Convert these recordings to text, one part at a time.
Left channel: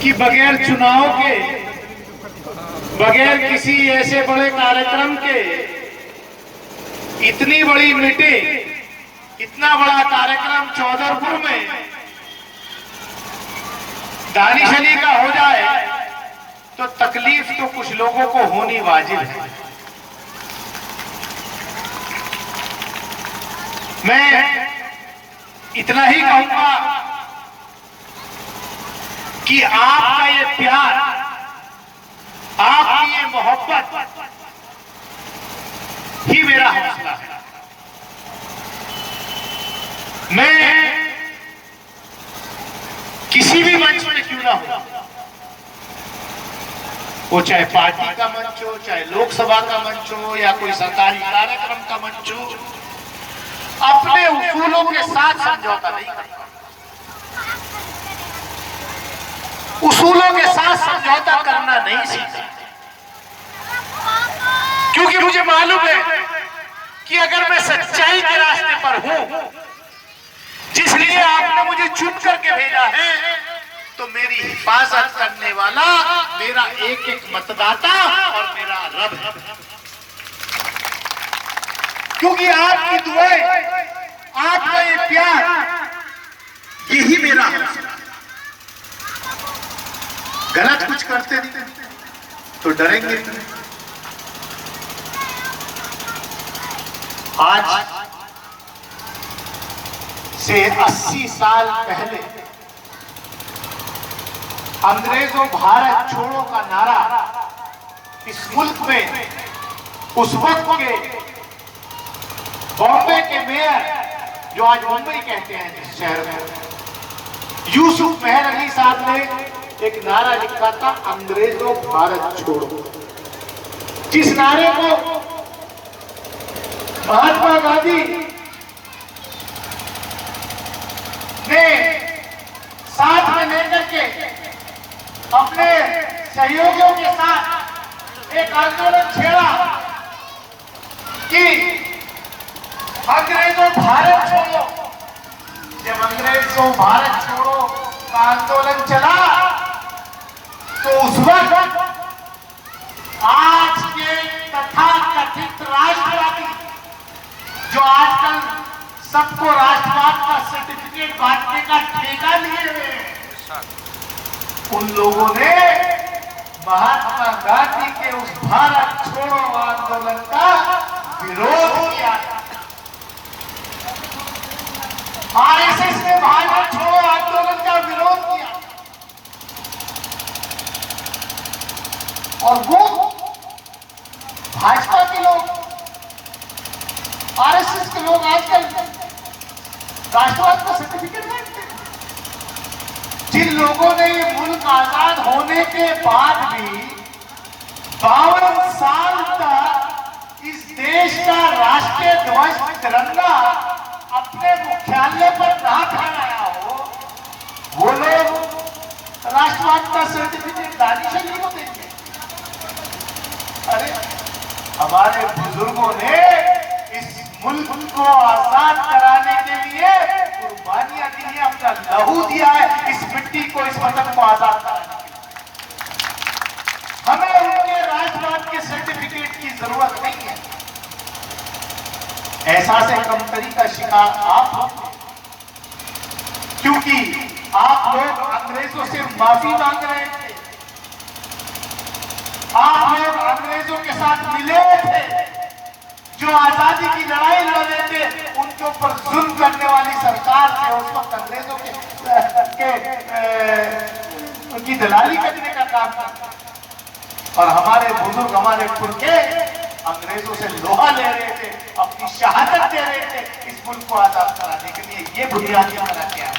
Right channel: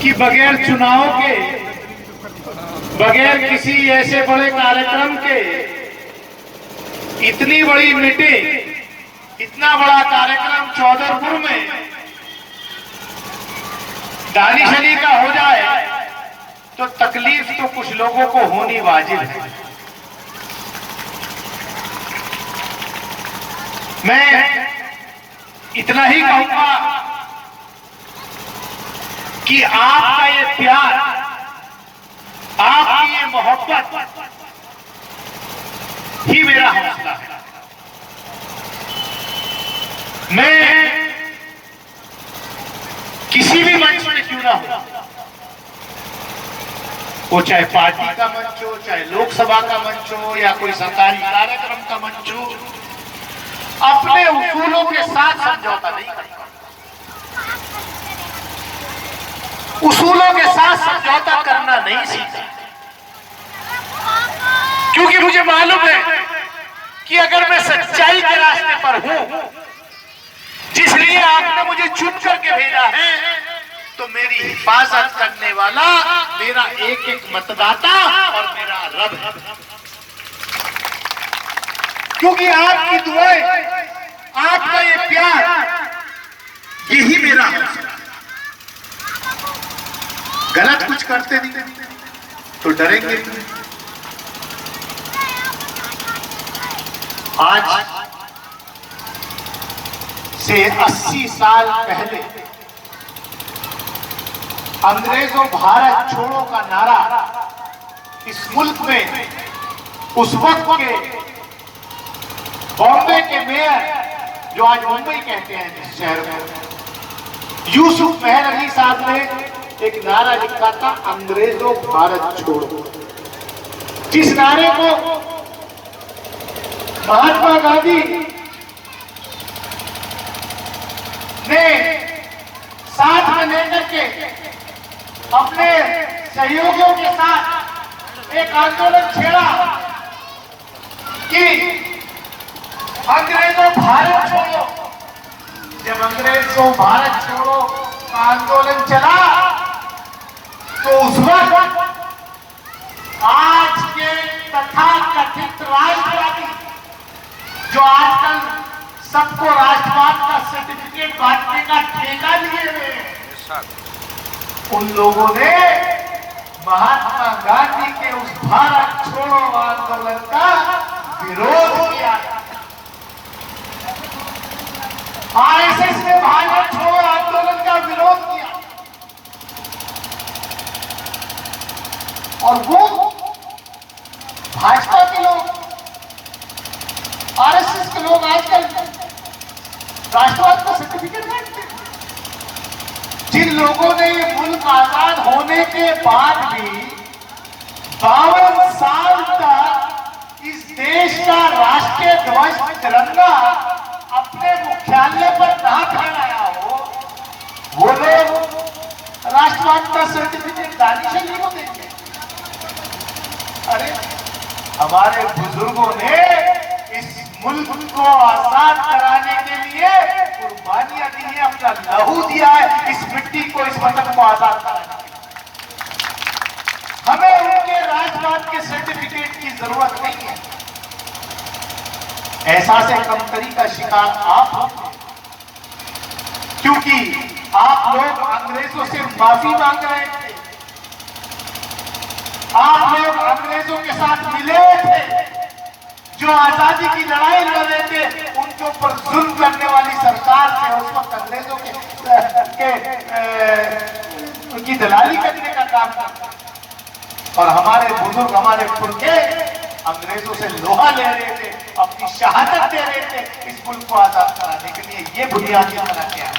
कि बगैर चुनाव के, बगैर किसी ऐसे बड़े कार्यक्रम के इतनी बड़ी मीटिंग, इतना बड़ा कार्यक्रम चौधरपुर में दानिश-अली का हो जाए तो तकलीफ तो कुछ लोगों को होनी वाजिब है। मैं इतना ही कहूंगा कि आपका ये प्यार, आपकी ये मोहब्बत ही मेरा हौसला है। मैं किसी भी मंच में क्यों ना हो, वो चाहे पार्टी का मंच हो, चाहे लोकसभा का मंच हो या कोई सरकारी कार्यक्रम का मंच हो, अपने उसूलों के साथ समझौता नहीं करता। उसूलों के साथ समझौता करना नहीं सीखा, क्योंकि मुझे मालूम है कि अगर मैं सच्चाई के रास्ते पर हूं, जिसलिए आपने मुझे चुन करके भेजा है, तो मेरी हिफाजत करने वाला मेरा एक एक मतदाता और मेरा रब है। क्योंकि आपकी दुआएं, आपका ये प्यार, यही मेरा हौसला। गलत कुछ करते नहीं तो डरेंगे। आज से 80 साल पहले अंग्रेजों भारत छोड़ो का नारा इस मुल्क में उस वक्त के बॉम्बे के मेयर, जो आज मुंबई कहते हैं इस शहर में, यूसुफ मेहर अली साहब ने एक नारा लिखा था, अंग्रेजों भारत छोड़ो। जिस नारे को महात्मा गांधी ने साथ में लेकर के अपने सहयोगियों के साथ एक आंदोलन छेड़ा कि अंग्रेजों भारत छोड़ो। जब अंग्रेजों भारत छोड़ो का आंदोलन चला, तो उस वक्त आज के तथाकथित राष्ट्रवादी, जो आजकल सबको राष्ट्रवाद का सर्टिफिकेट बांटने का ठेका लिए हुए हैं, उन लोगों ने महात्मा गांधी के उस भारत छोड़ो आंदोलन का विरोध किया। आरएसएस ने भारत छोड़ो आंदोलन का विरोध किया, और वो भाजपा के लोग, आरएसएस के लोग आजकल राष्ट्रवाद का सर्टिफिकेट बांटते हैं। जिन लोगों ने ये मुल्क आजाद होने के बाद भी 52 साल तक इस देश का राष्ट्रीय ध्वज तिरंगा अपने मुख्यालय पर ना फहराया हो, वो लोग राष्ट्रवाद का सर्टिफिकेट दानिश-अली को देते। अरे हमारे बुजुर्गों ने इस मुल्क को आजाद कराने के लिए कुर्बानियां दी है, अपना लहू दिया है इस मिट्टी को, इस वतन को आजाद कराने के लिए। हमें उनके राष्ट्रवाद के सर्टिफिकेट की जरूरत नहीं है। एहसास कमतरी का शिकार आप होंगे, क्योंकि आप लोग अंग्रेजों से माफी मांग रहे थे, आप लोग अंग्रेजों के साथ मिले थे, जो आजादी की लड़ाई लड़ रहे थे, उनके ऊपर जुल्म करने वाली सरकार थे उस वक्त अंग्रेजों की दलाली करने का काम था। और हमारे बुजुर्ग, हमारे पुरखे अंग्रेजों से लोहा ले रहे थे, अपनी शहादत दे रहे थे इस मुल्क को आजाद कराने के लिए। ये बुनियादी तरह क्या है,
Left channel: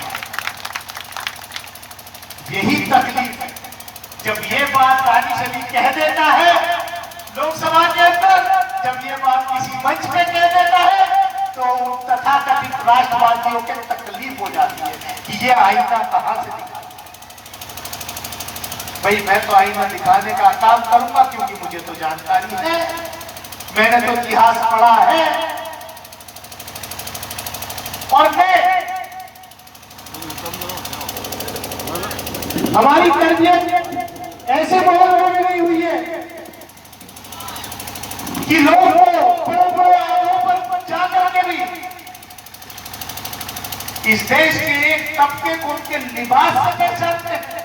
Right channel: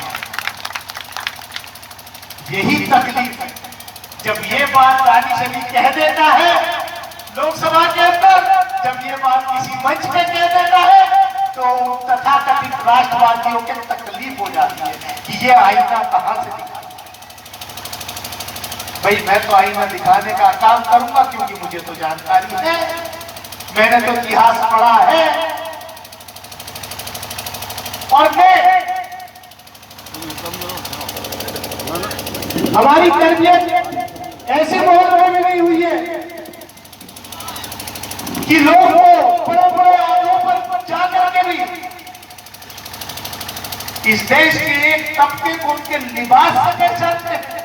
यही तकलीफ है। जब ये बात दानिश-अली कह देता है लोकसभा के अंदर, जब ये बात किसी मंच में कह देता है, तो तथाकथित राष्ट्रवादियों के तकलीफ हो जाती है कि ये आईना कहां से दिखा। भाई मैं तो आईना दिखाने का काम करूंगा, क्योंकि मुझे तो जानकारी है, मैंने तो इतिहास पढ़ा है, और मैं हमारी तरबियत ऐसे माहौल में गई हुई है कि लोग बड़े बड़े आदों पर जाकर के भी इस देश के एक तबके को उनके लिबास से पहचानते हैं,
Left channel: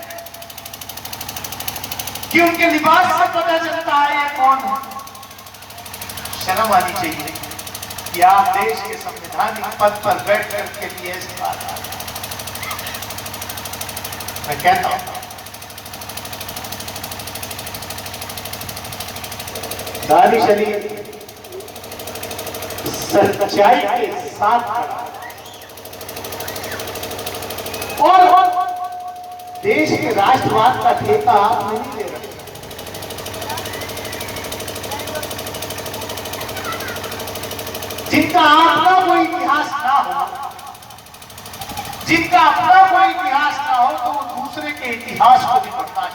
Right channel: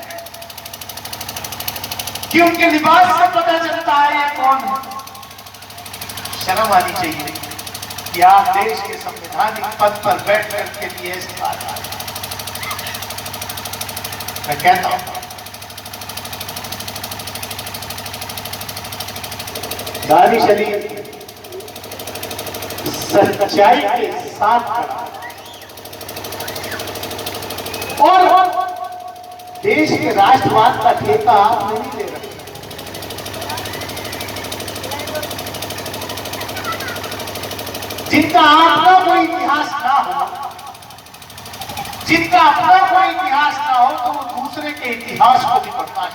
कि उनके लिबास से पता चलता है ये कौन है। शर्म आनी चाहिए कि आप देश के संवैधानिक पद पर बैठ करके भी ऐसी बात आ रही। मैं कहता हूं दानिश अली सच्चाई के साथ खड़ा और देश के राष्ट्रवाद का ठेका आप नहीं ले रहे। जिनका अपना कोई इतिहास ना हो, जिनका अपना कोई इतिहास ना हो, तो वो दूसरे के इतिहास को भी पढ़ता है,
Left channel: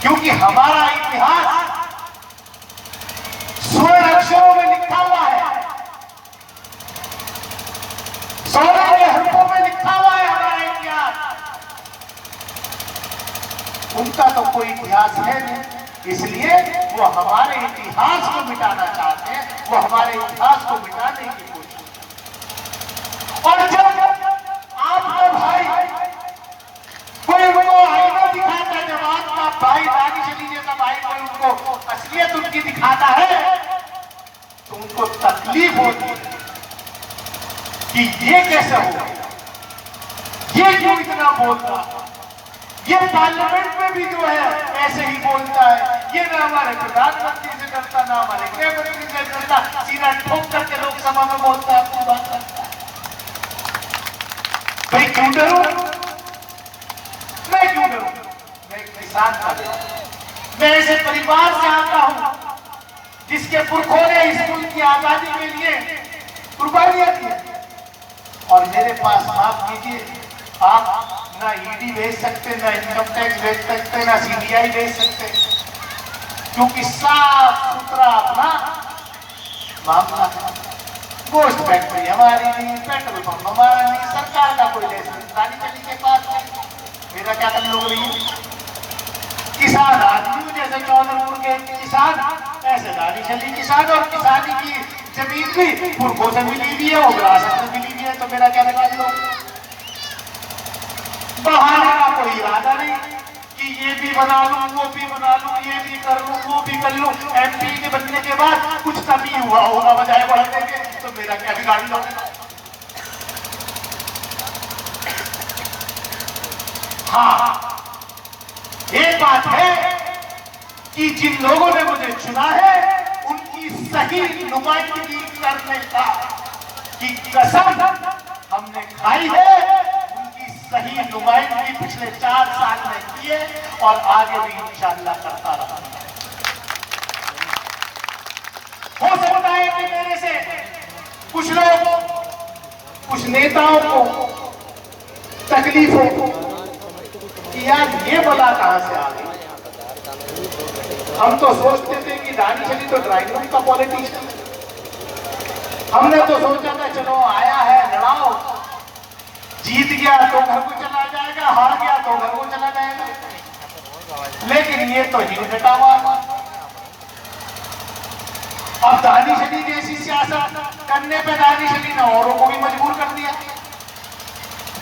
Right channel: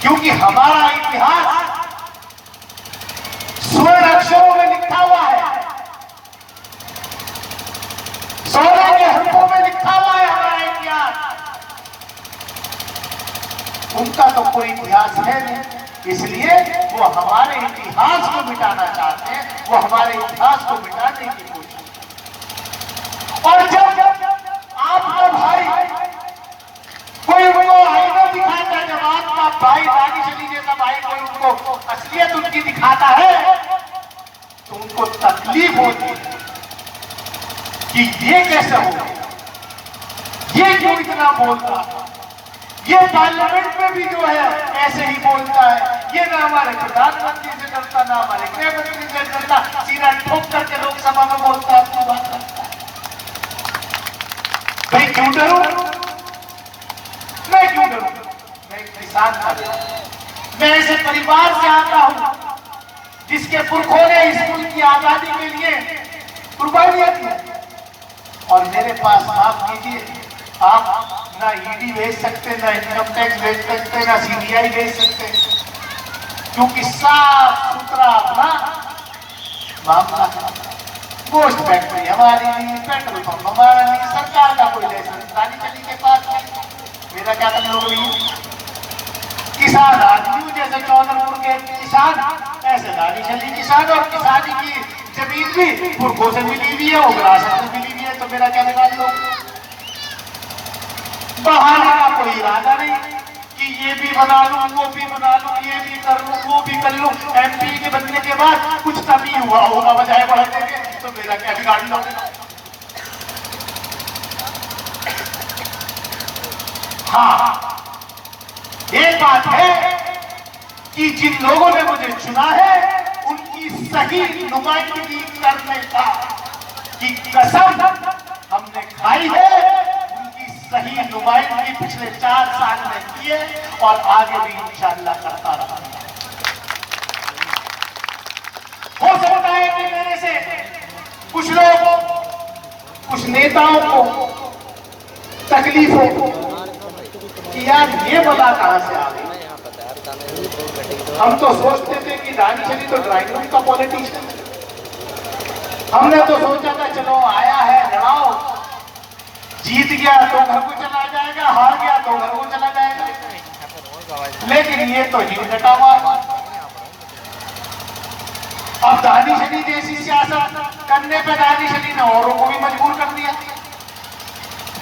क्योंकि हमारा इतिहास स्वर्ण अक्षरों में लिखा हुआ है, सोने के हरफों में लिखा हुआ है हमारा इतिहास। उनका तो कोई इतिहास है नहीं, इसलिए वो हमारे इतिहास को मिटाना चाहते हैं, वो हमारे इतिहास को मिटाने की कोशिश। और जब आपका भाई कोई उनको आईना दिखाता है, जब आपका भाई दानिश अली जैसा भाई कोई उनको असलियत उनकी दिखाता है, तो उनको तकलीफ होती है कि ये कैसे होगा, ये क्यों इतना बोलता है, ये पार्लियामेंट में भी जो है ऐसे ही बोलता है, ये ना हमारे प्रधानमंत्री से डरता, ना हमारे गृह मंत्री से डरता, सीधा ठोक करके लोकसभा में बोलता है। भाई क्यों डरूं? मैं क्यों डरूं? मैं एक किसान का बेटा, मैं ऐसे परिवार से आता हूं जिसके पुरखों ने इस मुल्क की आजादी के लिए कुर्बानियां की, और मेरे पास माफ कीजिए, आप ना ईडी भेज सकते, ना इनकम टैक्स भेज सकते, ना सीबीआई भेज सकते, क्योंकि साफ सुथरा अपना मामला है। गोश्त फैक्ट्री हमारी नहीं, पेट्रोल पंप हमारा नहीं, सरकार का कोई लाइसेंस दानिश अली के पास नहीं। मेरा क्या मतलब हुई? किसान आदमी जैसे चौधरपुर के किसान, ऐसे दानिश अली किसान, और किसानी की जमीन भी पुरखों से मिली हुई है और विरासत से मिली हुई है, तो मेरा क्या निकाल दो? बहाने का कोई इरादा नहीं कि ये भी बना लूं, वो भी बना लूं, ये भी कर लूं, वो भी कर लूं। एमपी के बनने के बाद कुछ कमी हुआ होगा बजाय बढ़ने के, तो मेरा क्या बिगाड़ लो? हाँ, एक बात है कि जिन लोगों ने मुझे चुना है उनकी सही नुमाइंदगी करने का की कसम हमने खाई है। सही नुमाइंदगी पिछले 4 साल में की है और आगे भी इंशाअल्लाह करता रहा। हो सकता है कि मेरे से कुछ लोग, कुछ नेताओं को तकलीफ हो कि यार ये बला कहां से आ गई। हम तो सोचते थे कि दानिश अली तो ड्राइंग रूम का पॉलिटिशियन, हमने तो सोचा था चलो आया है लड़ाओ, जीत गया तो घर को चला जाएगा, हार गया तो घर को चला जाएगा, लेकिन ये तो ही कटा हुआ। अब दानिश अली जैसी सियासत करने पे दानिश अली ने औरों को भी मजबूर कर दिया।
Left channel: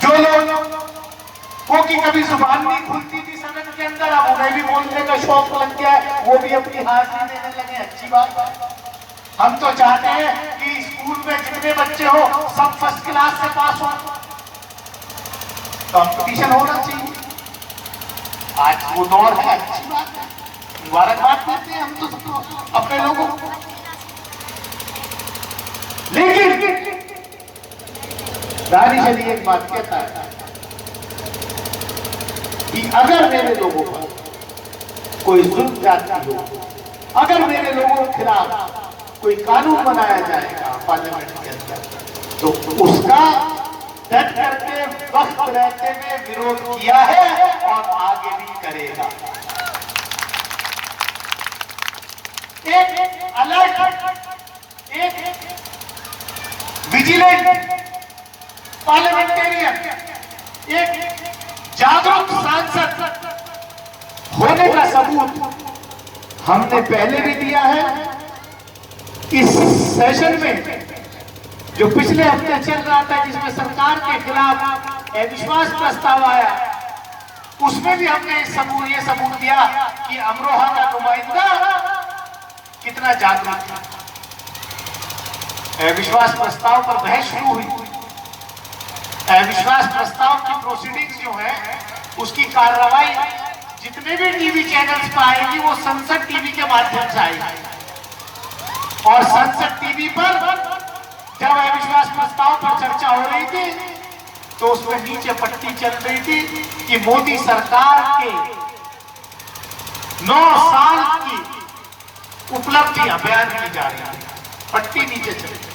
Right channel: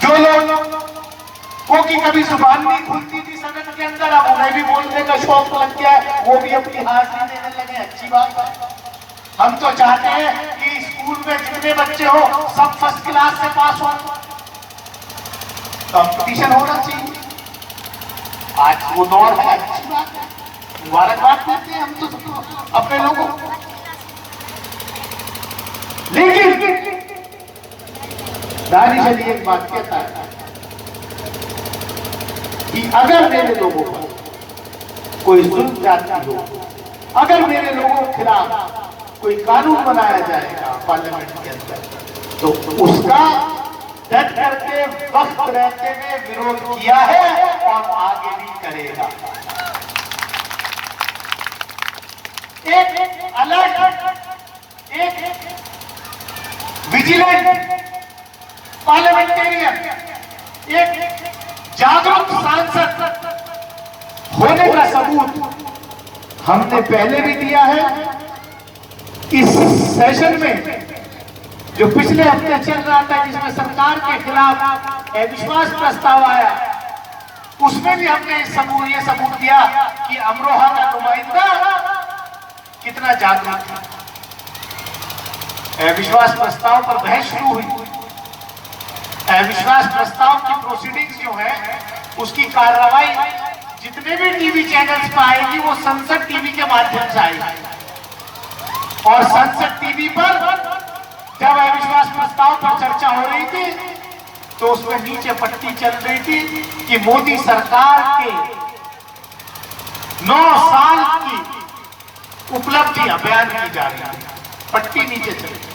जो लोगों की कभी जुबान नहीं खुलती थी सदन के अंदर, अब उन्हें भी बोलने का शौक लग गया है, वो भी अपनी हाजिरी देने लगे। अच्छी बात है। हम तो चाहते हैं कि स्कूल में जितने बच्चे हो सब फर्स्ट क्लास से पास हो, कंपटीशन होना चाहिए। आज वो दौर है, अच्छी बात है, मुबारकबाद करते हैं हम तो अपने लोगों को। लेकिन दानिश अली एक बात कहता है कि अगर मेरे लोगों पर कोई जुल्म जाती हो, अगर मेरे लोगों के खिलाफ कोई कानून बनाया जाएगा पार्लियामेंट के अंदर, तो उसका डट करके वक्त रहते हुए विरोध किया है और आगे भी करेगा। एक अलर्ट, एक विजिलेंट पार्लियामेंटेरियन, एक जागरूक सांसद होने का सबूत हमने पहले भी दिया है। इस सेशन में जो पिछले हफ्ते चल रहा था, जिसमें सरकार के खिलाफ अविश्वास प्रस्ताव आया, उसमें भी हमने ये सबूत दिया कि अमरोहा का नुमाइंदा कितना जागरूक था। अविश्वास प्रस्ताव पर बहस शुरू हुई। अविश्वास प्रस्ताव की प्रोसीडिंग्स जो है, उसकी कार्रवाई जितने भी टीवी चैनल्स पर आएगी वो संसद टीवी के माध्यम से आएगी। और संसद टीवी पर जब अविश्वास प्रस्ताव पर चर्चा हो रही थी तो उसमें नीचे पट्टी चल रही थी कि मोदी सरकार के 9 साल की उपलब्धियां बयान की जा रही है। पट्टी नीचे चल रही।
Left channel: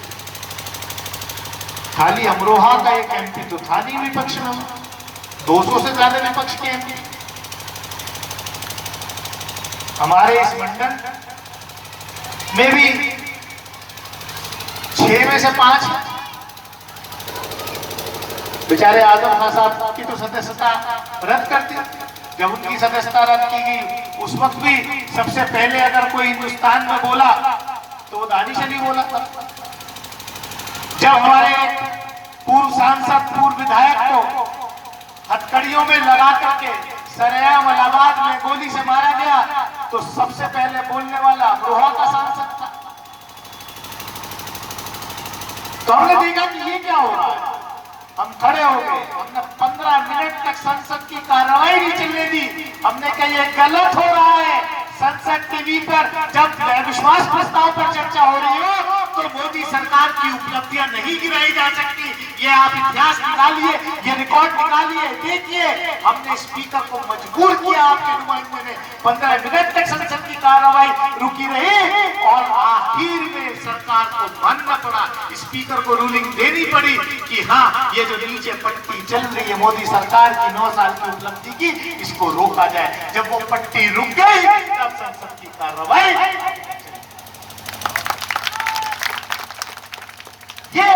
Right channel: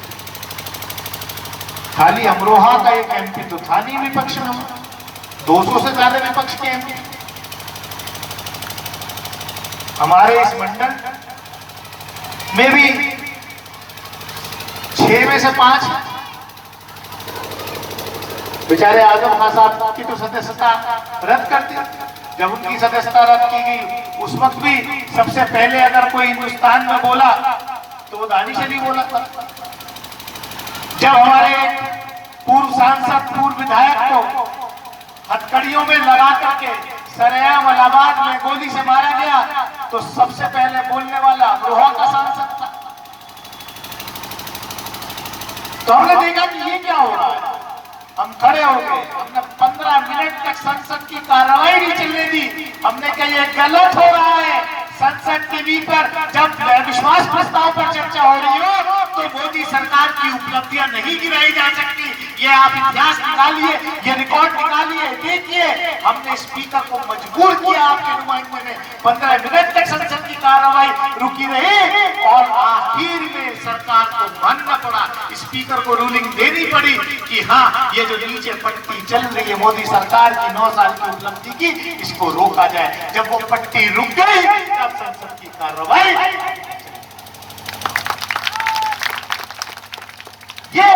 खाली अमरोहा का एक एमपी तो था नहीं विपक्ष में, 200 से ज्यादा विपक्ष के एमपी। हमारे इस मंडल में भी 6 में से 5 बेचारे आजम खान साहब की तो सदस्यता रद्द कर दी। जब उनकी सदस्यता रद्द की गई उस वक्त भी सबसे पहले अगर कोई हिंदुस्तान में बोला तो वो दानिश अली बोला था। जब हमारे पूर्व सांसद, पूर्व विधायक को हथकड़ियों में लगा करके सरेआम इलाहाबाद में गोली से मारा गया तो सबसे पहले बोलने वाला अमरोहा का सांसद था। तो हमने देखा कि ये क्या हो रहा है। हम खड़े हो गए, हमने 15 मिनट तक संसद की कार्रवाई नहीं चलने दी। हमने कहा ये गलत हो रहा है। संसद टीवी पर जब विश्वास प्रस्ताव पर चर्चा हो रही हो तो मोदी सरकार की उपलब्धियां नहीं गिराई जा सकती। ये आप इतिहास निकालिए, ये रिकॉर्ड निकालिए, देखिए। हमने स्पीकर को मजबूर किया, आपके नुमाइंदे ने 15 मिनट तक संसद की कार्रवाई रुकी रही और आखिर में सरकार को मानना पड़ा, स्पीकर को रूलिंग देनी पड़ी कि हाँ, ये जो नीचे पट्टी चल रही है मोदी सरकार की 9 साल की उपलब्धि की, इसको रोका जाए। जब वो पट्टी रुक गई तब संसद की कार्रवाई। ये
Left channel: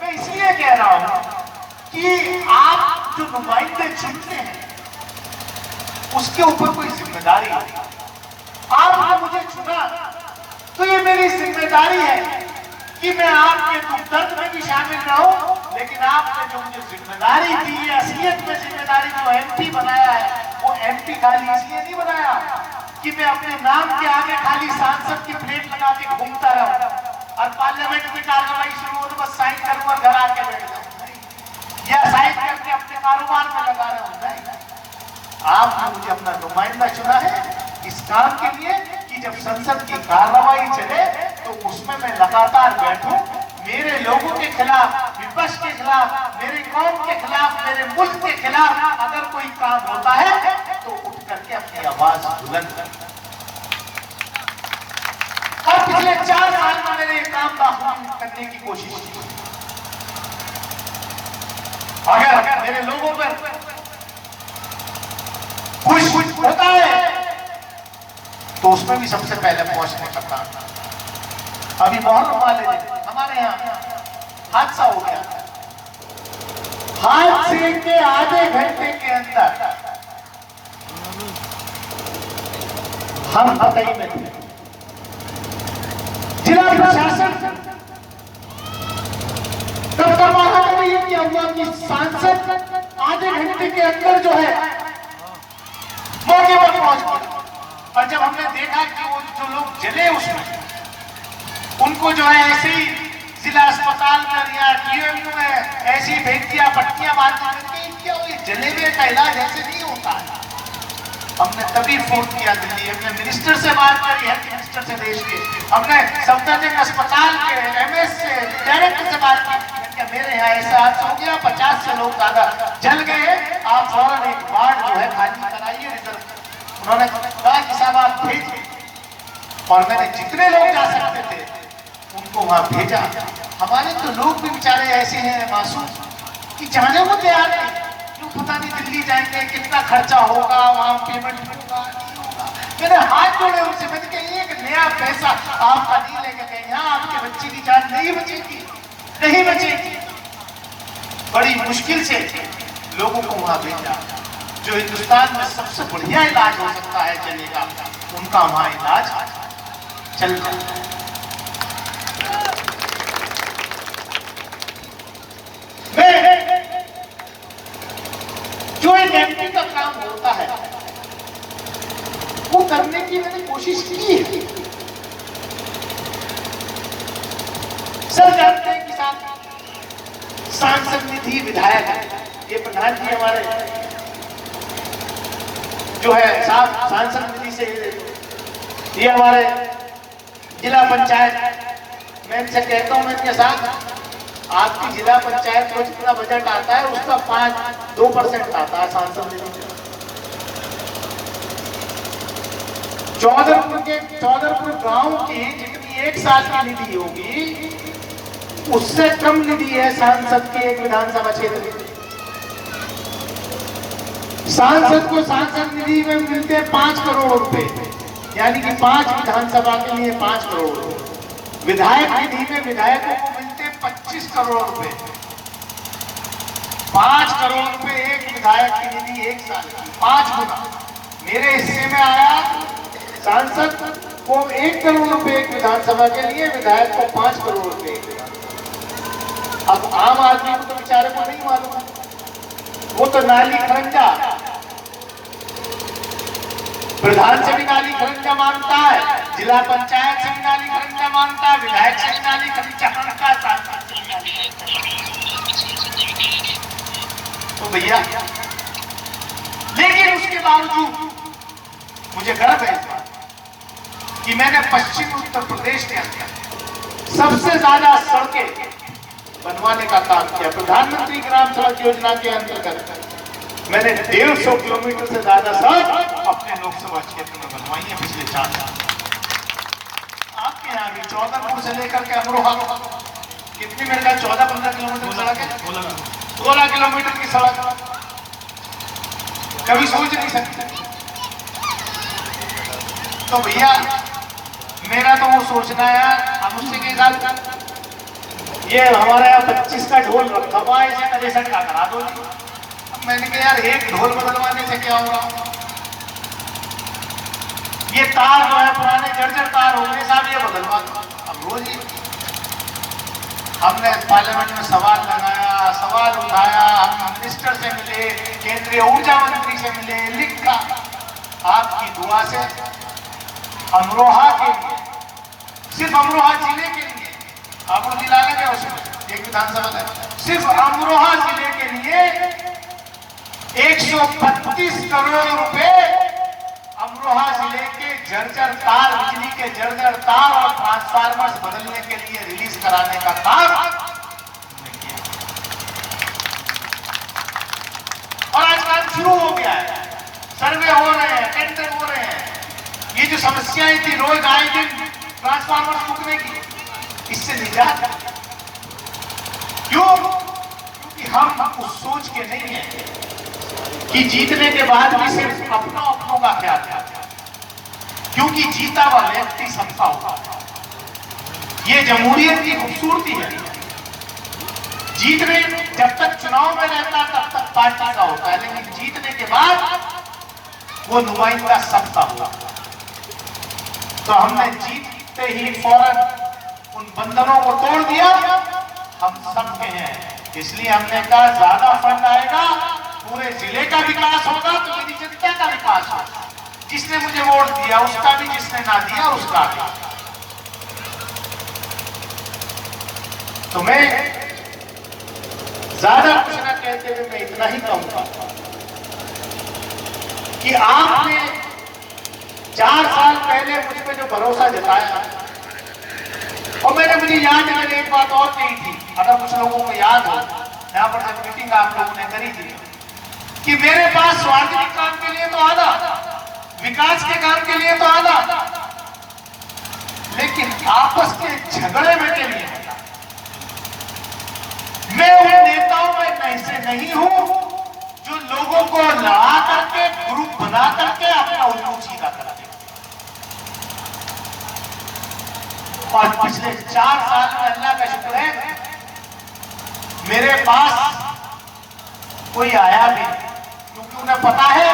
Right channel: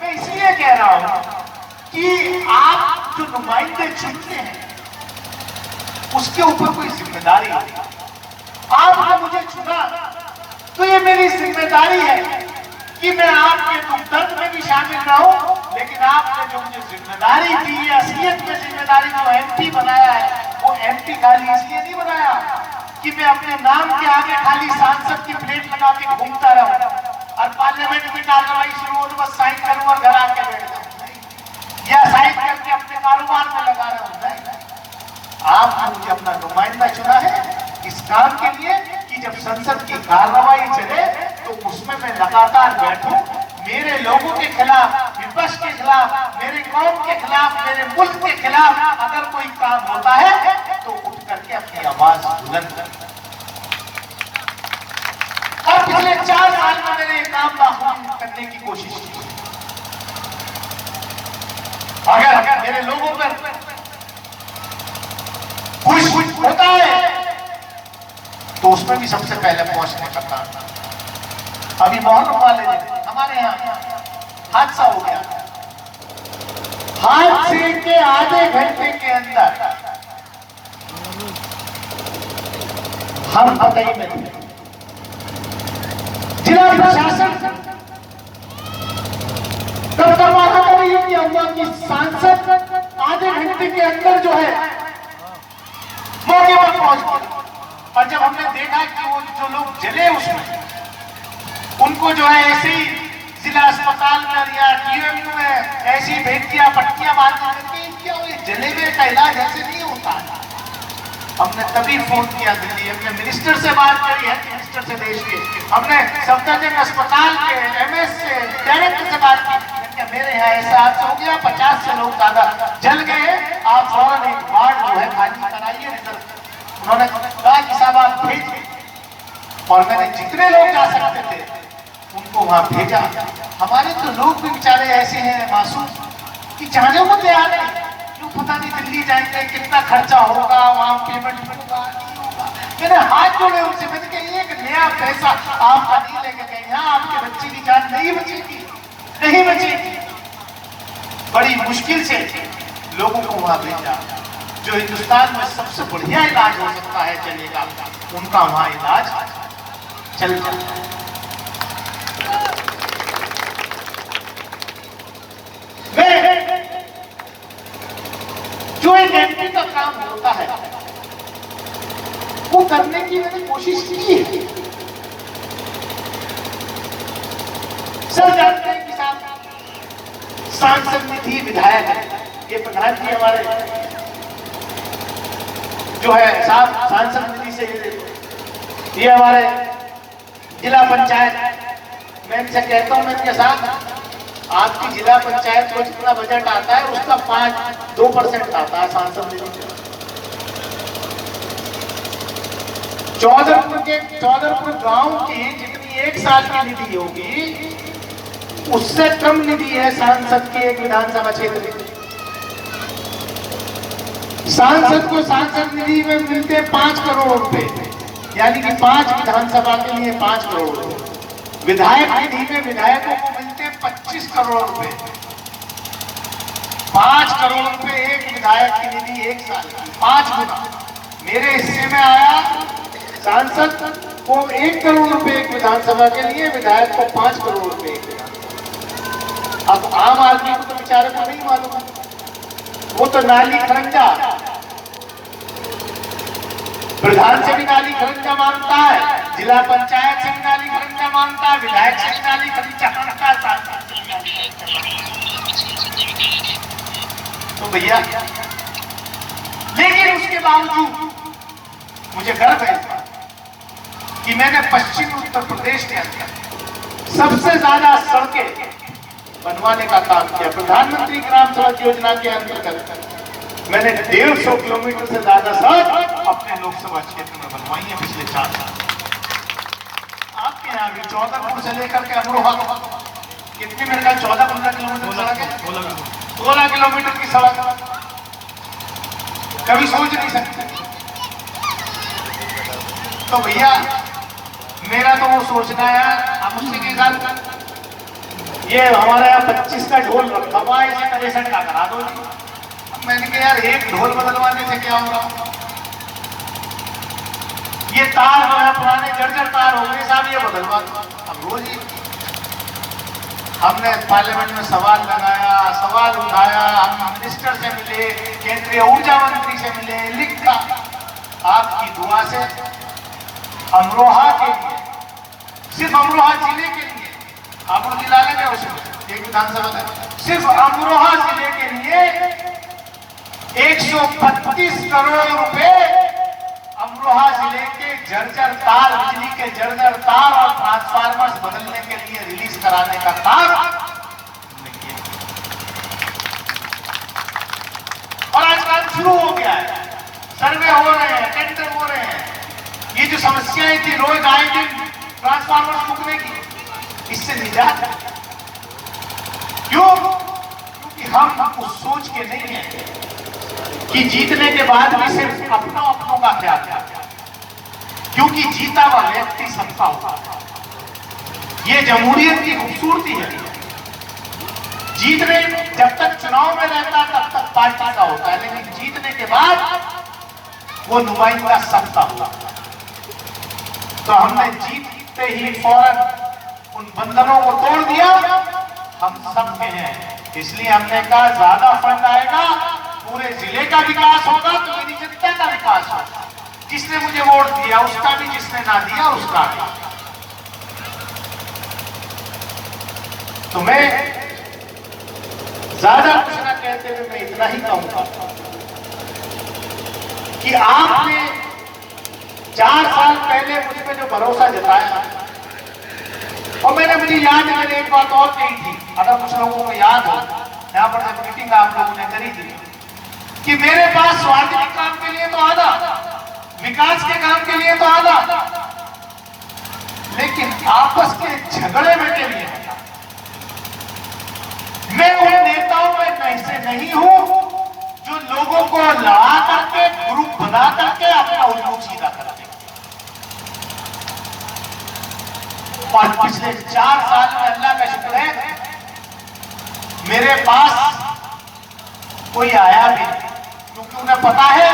मैं इसलिए कह रहा हूं कि आप जो नुमाइंदे चुनते हैं उसके ऊपर कोई जिम्मेदारी है। आपने मुझे चुना तो ये मेरी जिम्मेदारी है कि मैं आपके दुख दर्द में भी शामिल न हूं, लेकिन आपने जो मुझे जिम्मेदारी दी है, असलियत में जिम्मेदारी जो एमपी बनाया है, वो एमपी खाली इसलिए नहीं बनाया कि मैं अपने नाम के आगे खाली सांसद की प्लेट लगा के घूमता रहूं और पार्लियामेंट में कार्रवाई शुरू हो तो बस साइन करूंगा, घर आके बैठ जाऊं या साइन करके अपने कारोबार में लगा रहा हूं। आपने मुझे अपना नुमाइंदा चुना है इस काम के लिए कि जब संसद की कार्रवाई चले तो उसमें मैं लगातार बैठूं, मेरे लोगों के खिलाफ, विपक्ष के खिलाफ, मेरे कौम के खिलाफ, मेरे मुल्क के खिलाफ अगर कोई काम होता है तो उठ करके अपनी आवाज बुलंद कर। और पिछले 4 साल में मैंने ये काम बाखूबी करने की कोशिश की। अगर मेरे लोगों पर कुछ होता है तो उसमें भी सबसे पहले पहुंचने का काम। अभी मोहर्रम वाले दिन हमारे यहाँ हादसा हो गया। हादसे के आधे घंटे के अंदर हम पतई में थे। जिला प्रशासन तब तक नहीं किया हुआ कि सांसद आधे घंटे के अंदर जो है मौके पर पहुंच गए। और जब हमने देखा कि वो जो लोग जले उसमें, उनको जो है ऐसे ही जिला अस्पताल में या डीएमयू में ऐसी भेज दिया, पट्टियां बांध दी, क्या वो जले हुए का इलाज ऐसे नहीं होता है। हमने तभी फोन किया दिल्ली, हमने मिनिस्टर से बात करी है, मिनिस्टर से देश के, हमने सफदरजंग अस्पताल के एमएस से डायरेक्टर से बात की, मेरे यहाँ ऐसा हादसा हो गया, 50 से लोग ज्यादा जल गए, आप फौरन एक वार्ड जो है खाली कराइए। उन्होंने कहा कि साहब आप भेज, और मैंने जितने लोग जा सकते थे उनको वहां भेजा। हमारे तो लोग भी बेचारे ऐसे हैं मासूम कि जाने को तैयार नहीं, क्यों पता नहीं दिल्ली जाएंगे कितना खर्चा होगा, वहां पेमेंट होगा नहीं होगा। मैंने हाथ जोड़े उनसे, मैंने कहा एक नया पैसा आपका नहीं लेके गए, यहाँ आपके बच्चे की जान नहीं बचेगी, नहीं बचेगी। बड़ी मुश्किल से लोगों को वहां भेजा। जो हिंदुस्तान में सबसे बढ़िया इलाज हो सकता है चलेगा, उनका वहां इलाज चल जाता है। जो एक एमपी का काम होता है वो करने की मैंने कोशिश की है। सब जानते हैं कि सांसद निधि विधायक है, ये प्रधान जी हमारे जो है साहब सांसद निधि से, ये हमारे जिला पंचायत, मैं इनसे कहता हूं, मैं इनके साथ, आपकी जिला पंचायत में जितना बजट आता है उसका 2% आता है सांसद निधि से। चौधरपुर गांव की जितनी एक साल की निधि होगी उससे कम निधि है सांसद के एक विधानसभा क्षेत्र में। सांसद को सांसद निधि में मिलते 5 करोड़ रुपए, यानी कि 5 विधानसभा के लिए 5 करोड़ रुपए। विधायक निधि में विधायकों को मिलते 25 करोड़ रुपए। 5 करोड़ रुपए एक विधायक की निधि एक साल की, 5 गुना। मेरे हिस्से में आया सांसद को 1 करोड़ रुपए एक विधानसभा के लिए, विधायक को 5 करोड़ रुपए एक विधानसभा। अब आम आदमी को तो बेचारे को नहीं मालूम, वो तो नाली खरंजा, प्रधान से भी नाली खरंजा मांगता है, जिला पंचायत से भी नाली खरंजा मांगता है, विधायक से भी नाली खरंजा मांगता है। तो भैया, लेकिन उसके बावजूद मुझे गर्व है कि मैंने पश्चिमी उत्तर प्रदेश के अंदर सबसे ज्यादा सड़कें बनवाने का काम किया। प्रधानमंत्री ग्राम सड़क योजना के अंतर्गत मैंने 150 किलोमीटर से ज्यादा सड़क अपने लोकसभा क्षेत्र में बनवाई है पिछले 4 साल। आपके यहाँ भी चौधरपुर से लेकर के अमरोहा कितनी मेरे ख्याल 14-15 किलोमीटर सड़क है, 16 किलोमीटर की सड़क, कभी सोच नहीं सकते। तो भैया मेरा तो वो सोचना यार, अब उससे के साथ ये हमारे यहाँ 25 का ढोल रखा हुआ है, इसे 63 का करा दो। मैंने कहा यार एक ढोल बदलवाने से क्या होगा, ये तार जो है पुराने जर्जर तार हो गए साहब, ये बदलवा दो। अब रोज हमने पार्लियामेंट में सवाल लगाया, सवाल उठाया, हम मिनिस्टर से मिले, केंद्रीय ऊर्जा मंत्री से मिले, लिखा। आपकी दुआ से अमरोहा के लिए, सिर्फ अमरोहा जिले के लिए, आपको जिला लेंगे उसमें एक विधानसभा, सिर्फ अमरोहा जिले के लिए 132 करोड़ रुपए अमरोहा जिले के जर्जर तार, बिजली के जर्जर तार और ट्रांसफार्मर्स बदलने के लिए रिलीज कराने का काम। और आज काम शुरू हो गया है, सर्वे हो रहे हैं, टेंडर हो रहे हैं। ये जो समस्याएं थी रोज आए दिन ट्रांसफार्मर्स फूकने की, इससे निजात। क्यों? क्योंकि हम उस सोच के नहीं है कि जीतने के बाद भी सिर्फ अपनों का ख्याल है, क्योंकि जीता हुआ व्यक्ति सबका होता है। ये जमहूरियत की खूबसूरती है। जीतने जब तक चुनाव में रहता है तब तक पार्टी का होता है, लेकिन जीतने के बाद वो नुमाइंदा सबका होता है। तो हमने जीतते ही फौरन उन बंधनों को तोड़ दिया, हम सब में हैं। इसलिए हमने कहा ज्यादा फंड आएगा, पूरे जिले का विकास होगा, तो मेरी जनता का विकास होगा। जिसने मुझे वोट दिया उसका भी, जिसने ना दिया उसका भी। तो मैं ज्यादा कुछ न कहते हुए मैं इतना ही कहूंगा कि आपने 4 साल पहले मुझ पे जो भरोसा जताया, और मुझे याद है मैंने एक बात और कही थी, अगर कुछ लोगों को याद हो, यहाँ पर जब मीटिंग आप लोगों ने करी थी कि मेरे पास स्वास्थ्य काम के लिए तो आना, विकास के काम के लिए तो आना, लेकिन आपस के झगड़े में के लिए मैं उन नेताओं में से नहीं हूं जो लोगों को लड़ा करके, ग्रुप बना करके अपना उल्लू सीधा करा दे। और पिछले 4 साल में अल्लाह का शुक्र है, मेरे पास कोई आया भी, क्योंकि उन्हें पता है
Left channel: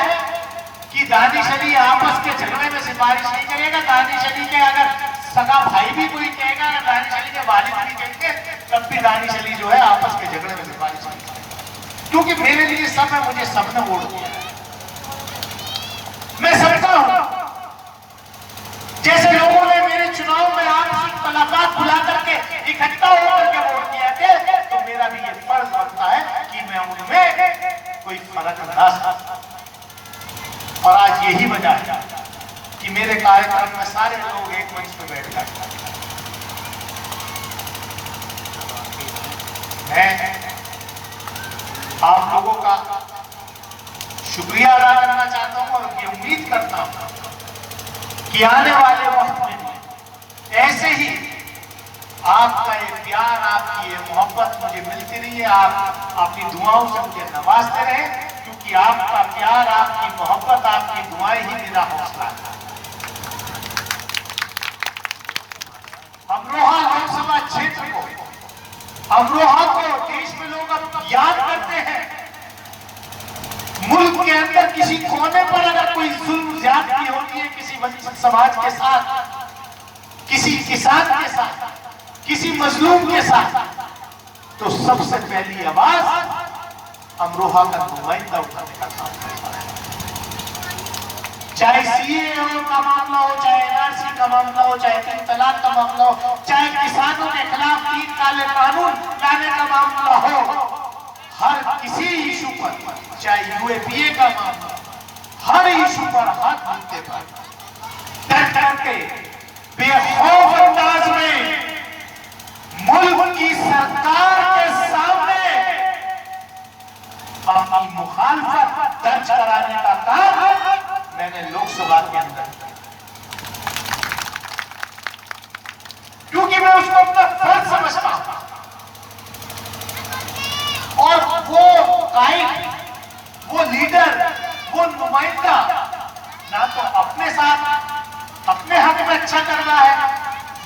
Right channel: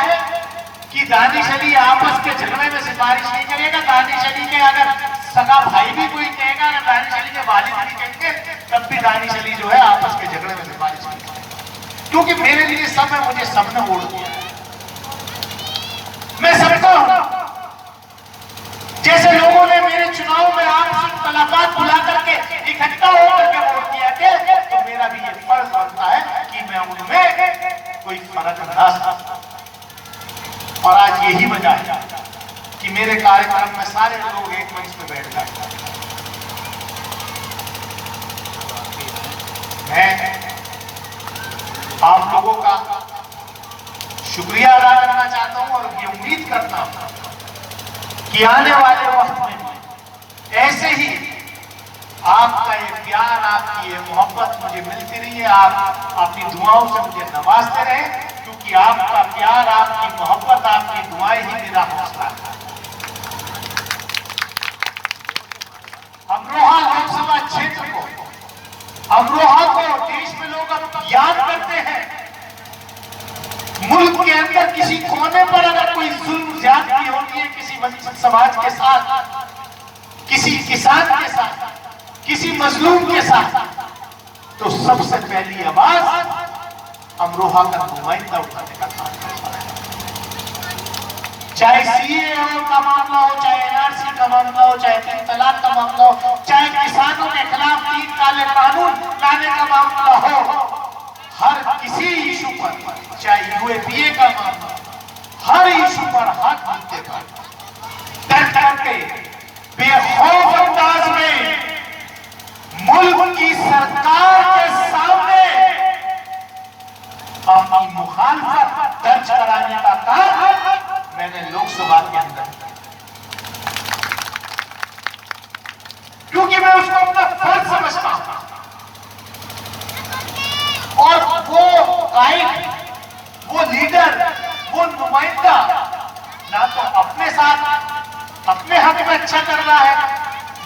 कि दानिश अली आपस के झगड़े में सिफारिश नहीं करेगा। दानिश अली के अगर सगा भाई भी कोई कहेगा, अगर दानिश अली के वालिद भी कहेंगे, तब भी दानिश अली जो है आपस के झगड़े में सिफारिश नहीं करेगा, क्योंकि मेरे लिए सब है, मुझे सबने वोट दिया। मैं समझता हूं जैसे लोगों ने मेरे चुनाव में आपसी मुलाकात बुला करके इकट्ठा होकर के वोट दिया थे, तो मेरा भी ये फर्ज बनता है कि मैं उनमें कोई फर्क ना समझूं। और आज यही वजह है कि मेरे कार्यक्रम में सारे लोग एक मंच पर बैठ गए। मैं आप लोगों का शुक्रिया अदा करना चाहता हूं और ये उम्मीद करता हूं कि आने वाले वक्त में ऐसे ही आपका ये प्यार, आपकी ये मोहब्बत मुझे मिलती रही है। आप अपनी दुआओं से मुझे नवाजते रहे, क्योंकि आपका प्यार, आपकी मोहब्बत, आपकी दुआएं ही मेरा हौसला है। अमरोहा लोकसभा क्षेत्र को, अमरोहा को देश में लोग अब याद करते हैं। मुल्क के अंदर किसी कोने पर अगर कोई जुल्म ज्यादती होती है किसी समाज के साथ, किसी किसान के साथ, किसी मजलूम के साथ, तो सबसे पहली आवाज अमरोहा का नुमाइंदा उठाने का काम करता है। चाहे सीएए का मामला हो, चाहे एनआरसी का मामला हो, चाहे 3 तलाक का मामला हो, चाहे किसानों के खिलाफ 3 काले कानून लाने का मामला हो, हर किसी इशू पर, चाहे यूएपीए का मामला, हर इशू पर हाथ मुद्दे पर डट करके बेखौफ अंदाज में मुल्क की सरकार के सामने अपनी मुखालफत दर्ज कराने का काम मैंने लोकसभा के अंदर, क्योंकि मैं उसको अपना फर्ज समझता हूं। और वो कायद, वो लीडर, वो नुमाइंदा ना तो अपने साथ अपने हक में अच्छा कर रहा है,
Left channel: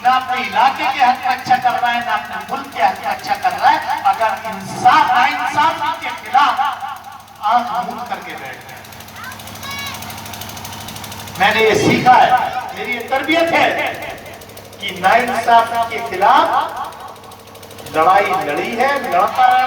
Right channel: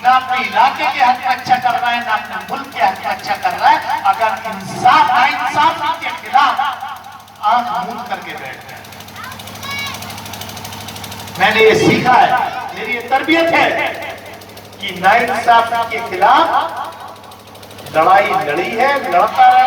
ना अपने इलाके के हक में अच्छा कर रहा है, ना अपने मुल्क के हक में अच्छा कर रहा है। अगर इंसाफ नाइंसाफी के खिलाफ आंख मूंद करके बैठ गए। मैंने ये सीखा है, मेरी तरबियत है कि नाइंसाफी के खिलाफ लड़ाई लड़ी है, लड़ता रहा।